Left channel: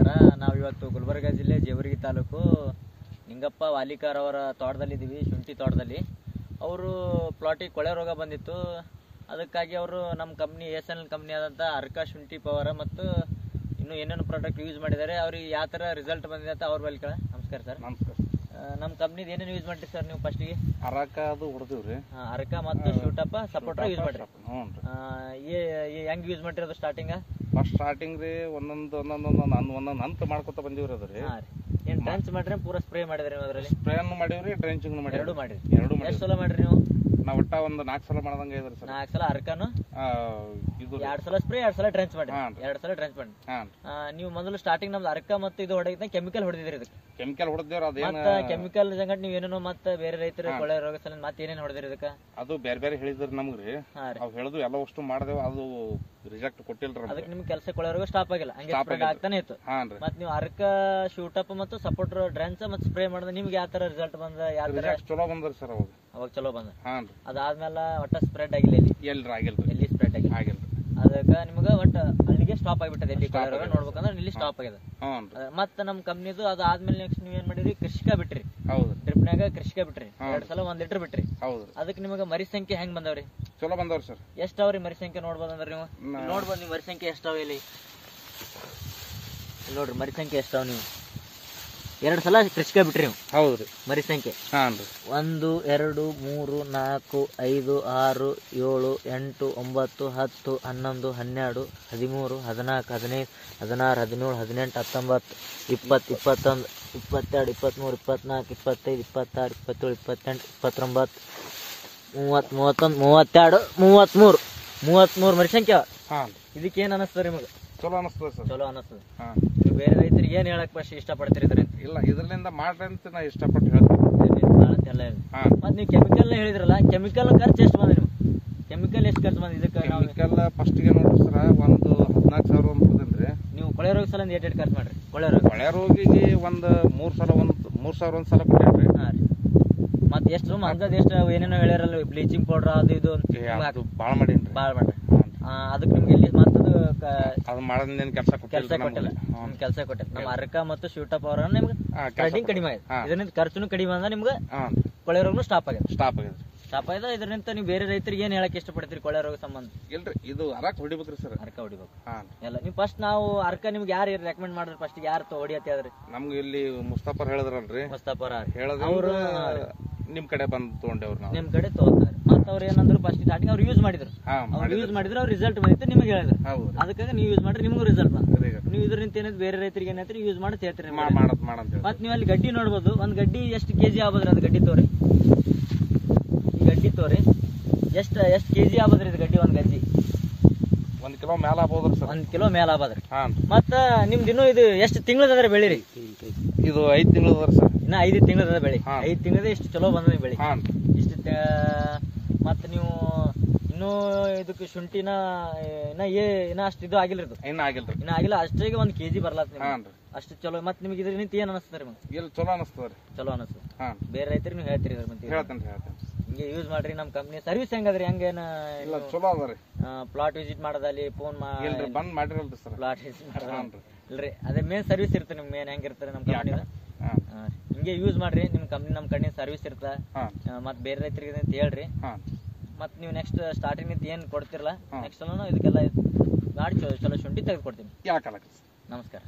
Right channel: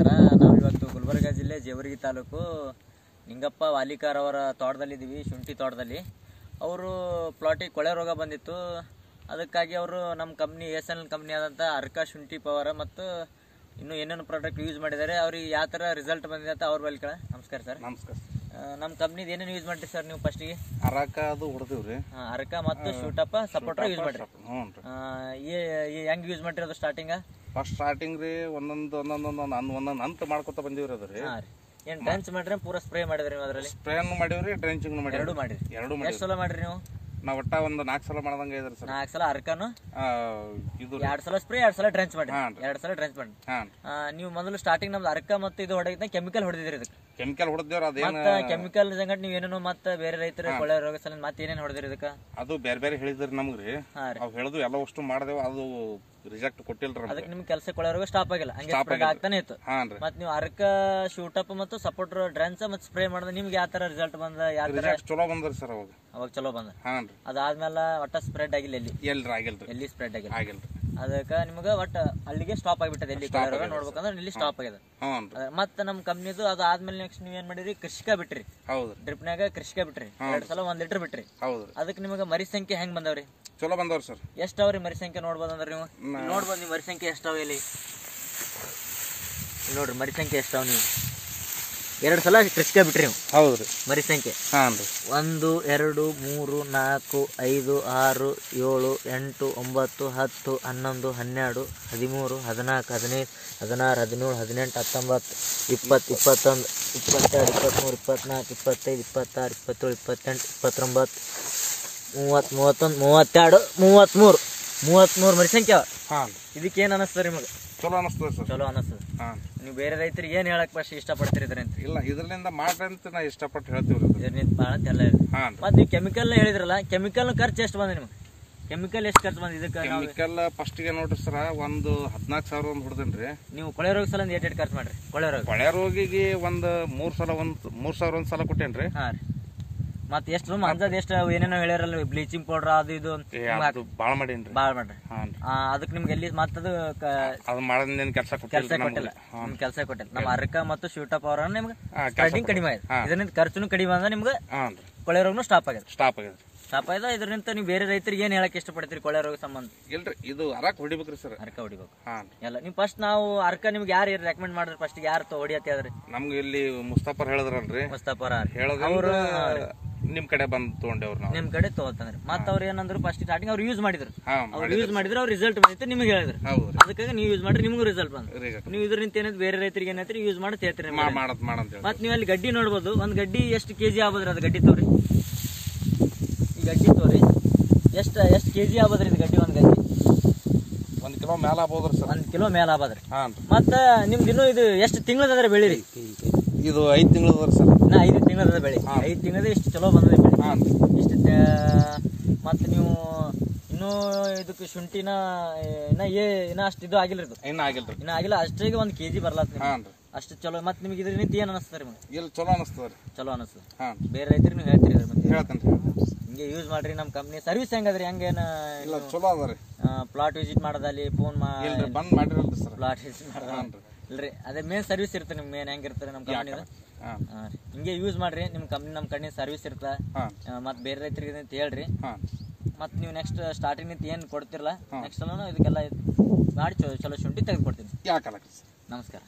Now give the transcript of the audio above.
ನಮಸ್ಕಾರ. ನಾವು ಇವತ್ತು ಗುಲ್ಬರ್ಗ ಜಿಲ್ಲೆ ಜೇವರ್ಗಿ ತಾಲೂಕು ನಿಂಗಪ್ಪ ವಾಲಿಕಾರ್ ಅವರ ತೋಟದಲ್ಲಿದ್ದೀವಿ, ಶುಂಠಿ ತೋಟದಲ್ಲಿ. ಅವರು ಪ್ಲಾಟಿಗೆ ಕೊಳೆ ರೋಗ ಬಂದಿತ್ತು. ಅದಕ್ಕಾಗಿ ಅವರು ನಮ್ಮ ಕಂಪ್ನಿ SNL ಕಂಪ್ನಿ ಆದಂಥ ಅರ್ಕಾ ಶುಂಠಿ ಪವರ್ ಮತ್ತು ಇನ್ನೂ ಏನೇನು ಪ್ರಾಡಕ್ಟ್ ಯೂಸ್ ಮಾಡಿದ್ದಾರೆ. ಅವ್ರಿಗೆ ಯಾವ ಥರ ರಿಸಲ್ಟ್ ಬಂದಿದೆ ಅಂತ ಅವ್ರ ಬಳಿ ಕೇಳ. ನಮಸ್ಕಾರ ಸರ್. ನಮಸ್ಕಾರ. ನಮ್ಮ ಕಂಪ್ನಿದು ಏನೇನು ಯೂಸ್ ಮಾಡಿರಿ ಸರ್ ನೀವು? ಫಸ್ಟಿಗೆ ಅರಕಾ ಅದು ಹೊಡೆದಿವ್ರಿ. ಅರ್ಕಾ ಮತ್ತು ಶೂಟಪ್ಪ ಸಪೋರ್ಟರ್ ಯೂಸ್ ಮಾಡಿರಿ. ಹೆಂಗೆ ಯೂಸ್ ಮಾಡಿರಿ ಅದು ಸ್ಟಾರ್ಟಿಂಗ? ಫಸ್ಟ್ ಸ್ಟಾರ್ಟಿಂಗ್ ರೀ ಒಂದೊಂದು ಹಂತ ಮಾಡ್ಕೊತ ಬಂದಿವ್ರಿ ಅದು ರೀ. ಹಾಂ ರೀ. ಏನು ಡ್ರೆಂಚ್ ಮಾಡ್ರಿ ಪೂರಾ ಸ್ಪ್ರೇ ಮಾಡಿದ್ರಿ ನೀವು? ಅದರಲ್ಲಿ ಸ್ಪ್ರೇನು ಮಾಡಿವ್ರಿ, ಡ್ರೆಂಚಿಂಗ್ ಮಾಡಿರಿ. ಎರಡು ಮಾಡಿರಿ. ಎಷ್ಟು ಸಲ ಮಾಡಿರಿ ನೀವು? ನಾವು ಒಟ್ಟ ಒಂದು 4 ಸಲ ಮಾಡ್ದಂಗೆ ಇದ್ರಿ ಸರ್. 4 ಸಲ ಅರ್ಕಾನು, ಇದು 2 ಸಲ ಸ್ಪ್ರೇ, 2 ಸಲ ಡ್ರೆಂಚ್ ಮಾಡಿ. 2 ಸಲ ಡ್ರೆಂಚ್ ಮಾಡಿ. ನೀವು ಮೊದಲು ಸ್ಟಾರ್ಟಿಂಗ್ ನಮ್ದು ಅರ್ಕಾ ಮತ್ತು ಇದು ಹೊಡೆದ ಕೆಮಿಕಲ್ ಹೊಡೆದಿದ್ರಿ. ಇದಕ್ಕೆ ಕೆಮಿಕಲ್ ಹೊಡೆದೇವ್ರ. ಅದೇನು ಕೆಮಿಕಲ್ ಸಂಗಟ್ ನೀವು ಏನೇನೋ ಮತ್ತೆ ಬೇರೆ ರೈತರು ಕೊಳೆ ರೋಗ ಸಲ ಮತ್ತೆ ಏನೇನು ಹೊಡೆದಿರಿ ಇದಕ್ಕೆ? ಅದು ಬೇರೆ ಬೇರೆ ಹೇಳಿದ್ರಿ ನಮ್ಗ್ರಿ. ಅವ್ ಹೇಳುದು ಎಲ್ಲ ಅಷ್ಟು ಮಾಡ್ದೇವ, ಅದು ರಿಜೆಕ್ಟ್ ಕೊಟ್ಟಿಲ್ರಿ. ಅದಕ್ಕೆ ನಿಮ್ ಕೆಲಸ ಕೊಳೆ ರೋಗ ಸ್ಟಾಪ್ ಆಗಿಲ್ಲ, ಹಂಗೆ ಸ್ಪ್ರೆಡ್ ಆಗ್ತಾನೆ ಇತ್ತು. ಮತ್ತೆ ನೀವು ಅರ್ಕಾ ಶೂಟಪ್ ಮತ್ತು ಸಪೋರ್ಟರ್ ಡ್ರೆಂಚ್ ಮತ್ತು ಸ್ಪ್ರೇ ಮಾಡಿದ್ರೆ ನಿಮ್ಗೆ ಯಾವ ತರ ರಿಸಲ್ಟ್ ಬಂದ? ಯಾವ ತರ ಚಲೋ ಬಂದ್ರಿ ಸರ್ ಅವಾಗ? ಅವಾಗ ಚಲೋ ಬಂದ. ಹಾನ್ರಿ. ಅದಾದ್ಮೇಲೆ ಒಟ್ಟ ಸ್ಪ್ರೆಡ್ ಆಗಿಲ್ಲ ಎಲ್ಲಿ ಸ್ಪ್ರೆಡ್ ಆಗಿಲ್ಲ. ಅದಕ್ಕೆ ನಿಮ್ಗೆ ಒಟ್ಟ ಅಲ್ಲಿಗೆ ಸ್ಟಾಪ್ ಆಗಿಬಿಟ್ಟದೆ. ಎಲ್ಲಿ ನೋಡ್ಬೇಕಂದ್ರೆ ಇಲ್ಲಿ ಸ್ಟಾಪ್ ಆಗ್ಯದ. ಮತ್ತೆ ನಮ್ಮ ಕಂಪ್ನಿದು ಅದು ಆದ್ಮೇಲೆ ನೆಕ್ಸ್ಟ್ ನೀವ್ ಏನ್ ಮಾಡಿರಿ? ಕೃಷಿಕ ಬಿಟ್ರಿ. ಡ್ರಿಪ್ನಾಗ ಕೃಷಿಕ ಬಿಟ್ರಿ. 2 ಸಲ 1 ಲೀಟರ್ ಬಿಟ್ರಿ. ಅದಕ್ಕೆ ನಿಮಗೆ ಮರಿ ಸಂಖ್ಯೆ ಹೆಂಗ್ ಬಂದವ್ರಿ? ಚಲೋ ಬಂದವ್ರಿ ಸರ್. ಎಷ್ಟ್ ಅವ್ರಿ ಮರಿ ಸಂಖ್ಯೆ ನೋಡ್ಬೋದಂದ್ರೆ ನೀವು? ನೋಡ್ಬೋದು ನೀವು ಮರಿ ಸಂಖ್ಯೆ ಎಷ್ಟಾವ ಇಲ್ಲಿ ನೋಡ್ರಿ. ಮರಿ ಸಂಖ್ಯೆ ಎಷ್ಟಾವ? ನೀವು 2 ಸಲ ಕೃಷಿಕ ಬಿಟ್ರಿ ನೀವು. ಹೌದ್ರಿ. ಮರಿ ಸಂಖ್ಯೆ 1 2 3 4 5 6 7 8 9 10 11 12 13 14 15 16 17 18 19 20 21 22 23 24 25 26 27 28 29 30 31 32 33 ಮರಿ ಸಂಖ್ಯೆ. ಇದಕ್ಕೆ ಏನ್ ಅನಿಸ್ತದೆ ನಿಮಗೆ? ಚಲೋ ಅನಿಸ್ತದೆ ಸರ್. ಚಲೋ ಅನಿಸ್ತದೆ. ನೀವು ಬೇರೆ ರೈತರಿಗೆ ಏನ್ ಹೇಳಕ್ ಫಸ್ಟ್ ಇಷ್ಟಪಡ್ತೀರಿ ಇದರಿಂದ? ಇಲ್ಲ, ಇದರಿಂದ ಮಾಡ್ರಿ ಅಂತ ನಾ ಇಷ್ಟಪಟ್ಟು ಹೇಳ್ತೀನಿ. ಇದರಿಂದ ಭಾಳ ಅಂತ ಎಲ್ಲ ಹೇಳಿ. ಮತ್ತೆ ನೀವು ಕೆಮಿಕಲ್ ಹೇಳಿದ್ರಲ್ಲ, ಕೆಮಿಕಲ್ ಖರ್ಚು ಎಷ್ಟು ಬಂದ ನಿಮ್ಗೆ? ಕೆಮಿಕಲ್ ಎಷ್ಟು ಖರ್ಚು ಬಂದ ಇದಕ್ಕೆ? ಕೆಮಿಕಲ್ ಫಸ್ಟಿಗೆ ನೋಡ್ರಿ ಸರ್, ಒಂದು 14,000 ಒಂದು ಬಿಡ್ದೇನ್ರಿ. ನೀವು ಕೊಳೆ ರೋಗ ಸಲ ಎಷ್ಟು ಖರ್ಚು ಮಾಡ್ರಿ? ಕೊಳೆ ರೋಗಿಗೆ ಒಂದು 3,000 ಒಂದು ಸಲ ಕೊಟ್ಟೇನ್ರಿ. ಹಾಂ ರೀ. ಮತ್ತೆ ಎಷ್ಟು ಅಂಜದ್ ಎಷ್ಟು ಏನೇನೋ ಹೇಳ್ಯಾರಲ್ಲ, ಬ್ಲೀಚಿಂಗ್ ಪೌಡರ್ ಅದು ಇದು ಭಾಳ ಮಾಡೇನ್ರಿ. ಭಾಳ ಮಾಡ್ರಿ. ಅದಕ್ಕೆ ನಿಮ್ಗೆ ಎಲ್ಲಿ ಮತ್ತದು ಅದು ಮಾಡೋದೇನು ಕೆಲಸ ಕೊಟ್ಟಿಲ್ಲ. ಕೆಲಸ ಕೊಟ್ಟಿಲ್ಲ. ನಮ್ಮ ಅರ್ಕಾ ಮತ್ತು ಶೂಟಪ್ ಅವರ ನಿಮ್ಗೆ ಸ್ಟಾರ್ಟಿಂಗ್ ಕಡಿಮೆ ಆಗಿದೆ. ಇದರಿಂದ ಖರ್ಚುನು ಕಡಿಮೆ ಅಂದ್ರೆ ನಿಮ್ಗೆ ಕೊಳೆ ರೋಗನು ಸ್ಟಾಪ್ ಆಗಿದೆ. ಇದರಿಂದ ನೀವು ಬೇರೆ ರೈತರಿಗೆ ಏನ್ ಹೇಳಕ್ ಇಷ್ಟಪಡ್ತೀರಿ ಕೊಳೆ ರೋಗ ಸಂಬಂಧ? ಇಲ್ರಿ, ಇದು ಅರಕ ಹೊಡಿಬೇಕ್ರಿ ಸರ್. ಅರ್ಕ ಹೊಡಿಬೇಕು ಎಲ್ಲ. ನೀವು ಫಸ್ಟ್ ನಾವು ಅರ್ಕ ನಿಮ್ಗೆ ಯಾರು ರೆಕಮೆಂಡ್ ಮಾಡಿದ್ರಿ? ಫಸ್ಟ್ ಯಾರು ಹೊಡಿಯತ್ತೆ ಹೇಳ್ರಿ? ನಮ್ಗೆ ಇಲ್ಲಿ ಮುಸ್ತಫರ್ ಹೇಳಿದ್ರಲ್ರಿ. ಮುಸ್ತಫರ್ ಹೇಳಿದ್ರು ನಿಮ್ ಕಡೆ ಬಂದು ತಗೊಂಡೇವ್ರು ನಾವು. ನಿಮ್ ಕಡೆ ತಗೋತಾರೆ. ಮತ್ತೆ ಅವ್ರು ಏನಂದ್ರು ಫಸ್ಟ್ ಸ್ಟಾರ್ಟಿಂಗ್ ಅವ್ರು ಯೂಸ್ ಮಾಡಿದ್ರು. ಅವ್ರ ರಿಸಲ್ಟ್ ಬಂದಿತ್ತು, ನಿಮಗೆ ಹೇಳಿದ್ರು. ಅದಕ್ಕಾಗಿ ನೀವು ಯೂಸ್ ಮಾಡ್ರಿ, ನಿಮಗೂ ರಿಸಲ್ಟ್ ಬಂದ. ನೀವು ಇದರಿಂದ ಏನಾದ್ರು ಬೇರೆ ರೈತರಿಗೆ ಏನಾಯ್ತು ಯೂಸ್ ಮಾಡಿ ಹೇಳ್ತೀರಿ. ಮತ್ತೆ ನೀವು ಅಲ್ಲಿ ಗಡ್ಡಿ ನೋಡ್ಬೋದು. ಒಂದ್ ಗಡ್ಡಿ ಎಷ್ಟು ಕೆಜಿ ಆಗ್ಬೋದ್ರಿ? ಅದು ಗಡ್ಡಿ ತೋರಿ, ಈ ಗಡ್ಡಿ ತೋರಿ. ಎಷ್ಟು ಕೆಜಿ ಆಗ್ಬೋದ್ರಿ ಇದು ಗಡ್ಡಿ? ಒಂದ್ ಗಡ್ಡಿ 1 ಕಿಲೋ ಮೇಲ ಆಗ್ಬೋದ್ರಿ ಸರ್. 1 ಕಿಲೋ ಮೇಲ ಆಗ್ಬೋದ್ರಿ. ಮತ್ತೆ ನಿಮ್ದು ಇನ್ನೂ ಇದು ಎಷ್ಟು ತಿಂಗಳದ ಬೆಳಿರಿ? ಇದು 5 ತಿಂಗಳದ ಸರ್. 5 ತಿಂಗಳದ ಬೆಳಿ. 5 ತಿಂಗಳದ ಇಷ್ಟು ಚಲೋ ಬಂದದ ಬೆಳಿ. ಇಷ್ಟು ಮತ್ತೆ ನೀವು ಇನ್ನೂ ಇದಕ್ಕೆ ಶುಂಠಿನ ಇನ್ನ ಅಷ್ಟು ಇದು ಆಗಿಲ್ಲ. ಇನ್ನ ಆಗಿಲ್ಲ. ಅಷ್ಟಿಗೆ 1 ಕೆಜಿ ಬರ್ಲಾತ ಅಷ್ಟು ಚಲೋ. ಮತ್ತೆ ನಿಮ್ಗೆ ಇದ್ರ ನಿಂತ ಏನ್ ಅನಿಸ್ತದೆ? ಚಲೋ ಅನಿಸ್ತದೆ. ಚಲೋ ಅನಿಸ್ತದೆ. ಬೇರೆ ರೈತರಿಗೆ ನೀವು ಹೇಳ್ತೀರಿ ಹಿಂಗೆ ಯೂಸ್ ಮಾಡ್ರಿ. ನಮ್ಮ ಕಂಪ್ನಿ ಸರ್ವಿಸ್ ಹೆಂಗದ್ರಿ? ಹಂಗೇನ ಚಲೋ ಅದ ರೀ. ಪ್ಲಾಟ್ ವಿಸಿಟ್ ಮಾಡೋದಲ್ಲಿ ಫೋನ್ ಬಂದ್ ಮಾಡಿರಲ್ರಿ ಸರ್. ಪ್ಲಾಟ್ ವಿಸಿಟ್ ಮಾಡೋದು ಇಲ್ರಿ, ಅದೇ ಮೇನ್ ಸರ್ವಿಸ್ ಇರುತ್ತೆ. ನಿಮ್ ಮೇನ್ ಹೆಂಗಿರ್ತಾರೆ ನಮ್ಮ ಕಂಪ್ನಿ? ಹಿಂಗೆ ಯೂಸ್ ಮಾಡ್ರಿ. ನಿಮ್ ಕಂಪ್ನಿ ನಮ್ಮ ಕಡೆ ಸರ್ವಿಸ್ ಇರ್ತ. ಮತ್ತೆ ಬೇರೆ ರೈತರಿಗೆ ಅಂತ ಹೇಳ್ರಿ. ಮತ್ತೆ ನೀವು ನೆಕ್ಸ್ಟ್ ಸ್ಟಾರ್ಟಿಂಗ್ ನಿಂತ ಏನ್ ಕೊಡ್ತಿರಲ್ಲ, ನೆಕ್ಸ್ಟ್ ಇದಕ್ಕೆಲ್ಲ ಮಾಡಿ ಚಲೋ ಶುಂಠಿ ತೆಗೆದು ಕೊಡ್ತೀನಿ. ನಮಸ್ಕಾರ. ನಮಸ್ಕಾರ.